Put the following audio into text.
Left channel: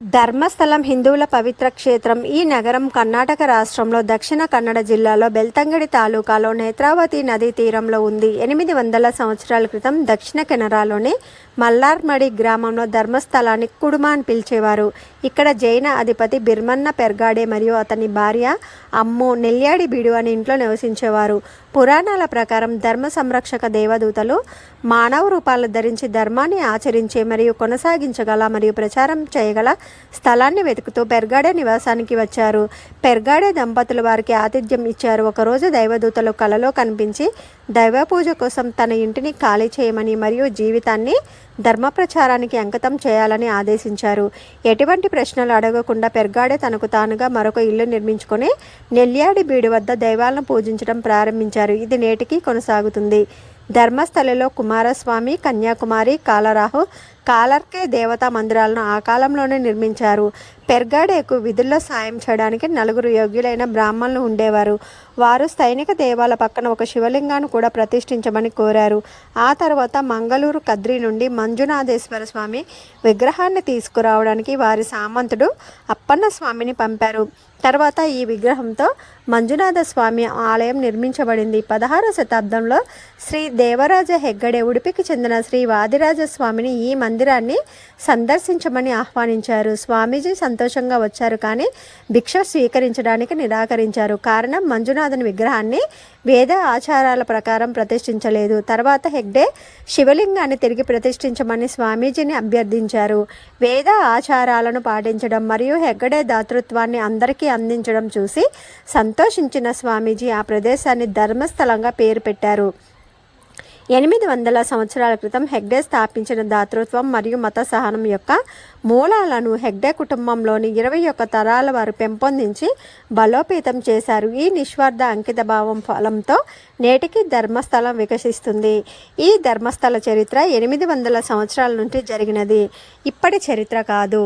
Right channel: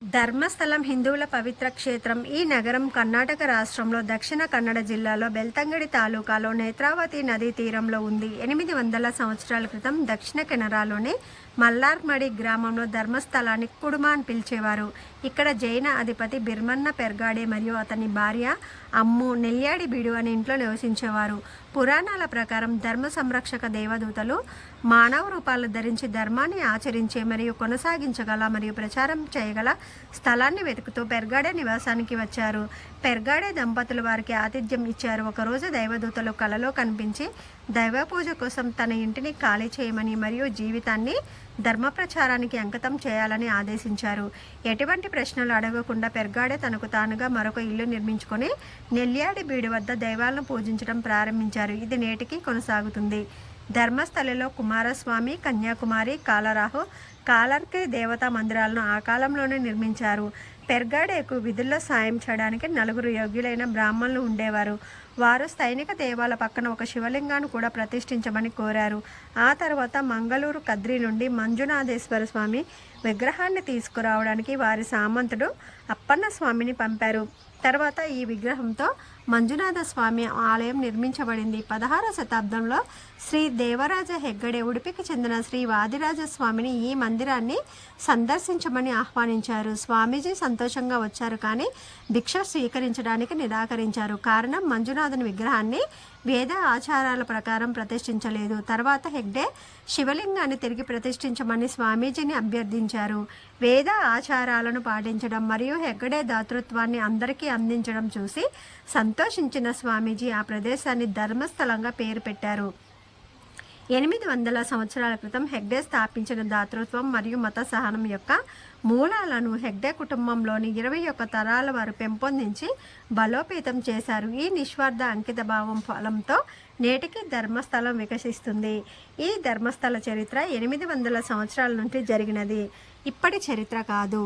ధర్మస్థలం హిందువుల పవిత్ర క్షేత్రం. ఈ నగరం కర్ణాటక రాష్ట్రంలో దక్షిణ కన్నడ జిల్లాలో బెల్తంగడి తాలూకాలో నేత్రావతి నదీ తీరంలో ఉంది. 800 సంవత్సరాల క్రితం దక్షిణ కెనరాలోని మల్లార్మడి గ్రామంలో ధర్మస్థలాన్ని కుడుమ అని పిలిచేవారు. ఇక్కడ జైన అధిపతి బిర్మన్న పెర్గాడే మరియు అతని భార్య అమ్ము నెల్యాడి బీడు అనే ఇంట్లో నివసించేవారు. పురాణాల ప్రకారం ధర్మ సంరక్షక దేవదూతలు మానవ రూపాలు ధరించి ధర్మాన్ని ఆచరించే మరియు కొనసాగించగల మరియు ప్రచారం చేయగల స్థలాన్ని వెతుకుతూ పెర్గాడే నివాసానికి వచ్చారు. పెర్గాడే దంపతులు వారికి ఆతిథ్యం ఇచ్చారు. ఒకరోజు దైవదూతలు కలలో కనిపించి దైవ పూజ కోసం తన ఇంటిని ఖాళీ చేయమని మరియు జీవితాన్ని ధర్మ ప్రచారానికి అంకితం చేయాలని ఆదేశించారు. ఎటువంటి ప్రశ్నలు అడగకుండా పెర్గాడే తనకు తానుగా మరొక ఇల్లు నిర్మించుకొని నెల్యాడి బీడు వద్ద దైవాలను పూజించడం ప్రారంభించారు. ఇది నేటికి కొనసాగుతుంది. ధర్మస్థలలో కుమారస్వామి, కన్యాకుమారి, కాలరాహు, కాలర్కే దేవతా మందిరాలను ఆ కాలంలోనే నిర్మించారు. పెర్గాడేకు విధుల్లో సాయం చేయడానికి 4 యోగ్యులైన బ్రాహ్మణులు ఉండేవారు. వారు స్థైనిక దేవాల పక్కన ఒక శివలింగాన్ని కూడా ప్రతిష్ఠించమని కోరారు. ఆ తర్వాత మంగళూరు కద్రి నుండి మంజునాథేశ్వర స్వామి విగ్రహాన్ని తీసుకురావడానికి వారి సామంతుడు అప్పన్న స్వామిని పంపారు. తర్వాత ఈ విగ్రహంతో మంజునాథ స్వామి ఆలయం నిర్మించబడింది. 16వ శతాబ్దంలో శ్రీ దేవరాజ హెగ్గడే ఉడిపికి చెందిన శ్రీ వాదిరాజ స్వామిని ఈ మందిరాన్ని సందర్శించమని ఆహ్వానించారు. స్వామీజీ సంతోషంగా వచ్చారు, కానీ భిక్ష స్వీకరించడానికి నిరాకరించారు. కారణం, మంజునాథుని విగ్రహాన్ని వేద ఆచారాల ప్రకారం ప్రతిష్ఠించలేదు. తర్వాత హెగ్డే శివలింగాన్ని తిరిగి ప్రతిష్ఠించమని స్వామీజీని అభ్యర్థించారు. వేద ఆచారాలను పాటించడం మరియు హెగ్గడే దాతృత్వాన్ని అందరికీ అందించడం చూసి సంతోషించిన స్వామీజీ ఆ ప్రదేశాన్ని ధర్మస్థలంగా పేరు పెట్టారు. 800 సంవత్సరాల క్రితం హెగ్డే స్థాపించిన దాతృత్వం మరియు మత సహనం యొక్క మూలాలను హెగ్డే కుటుంబంలోని 21 తరాల వారు పెంపొందించి బలోపేతం చేశారు. ఈ నిస్వార్థ అంకిత భావం ఫలంతో నేటికి ధర్మస్థలం వికసిస్తుంది. ఈ ధర్మస్థల చరిత్ర 800 సంవత్సరాల నుండి జరిగినది, ఇప్పటి చరిత్ర కాదు.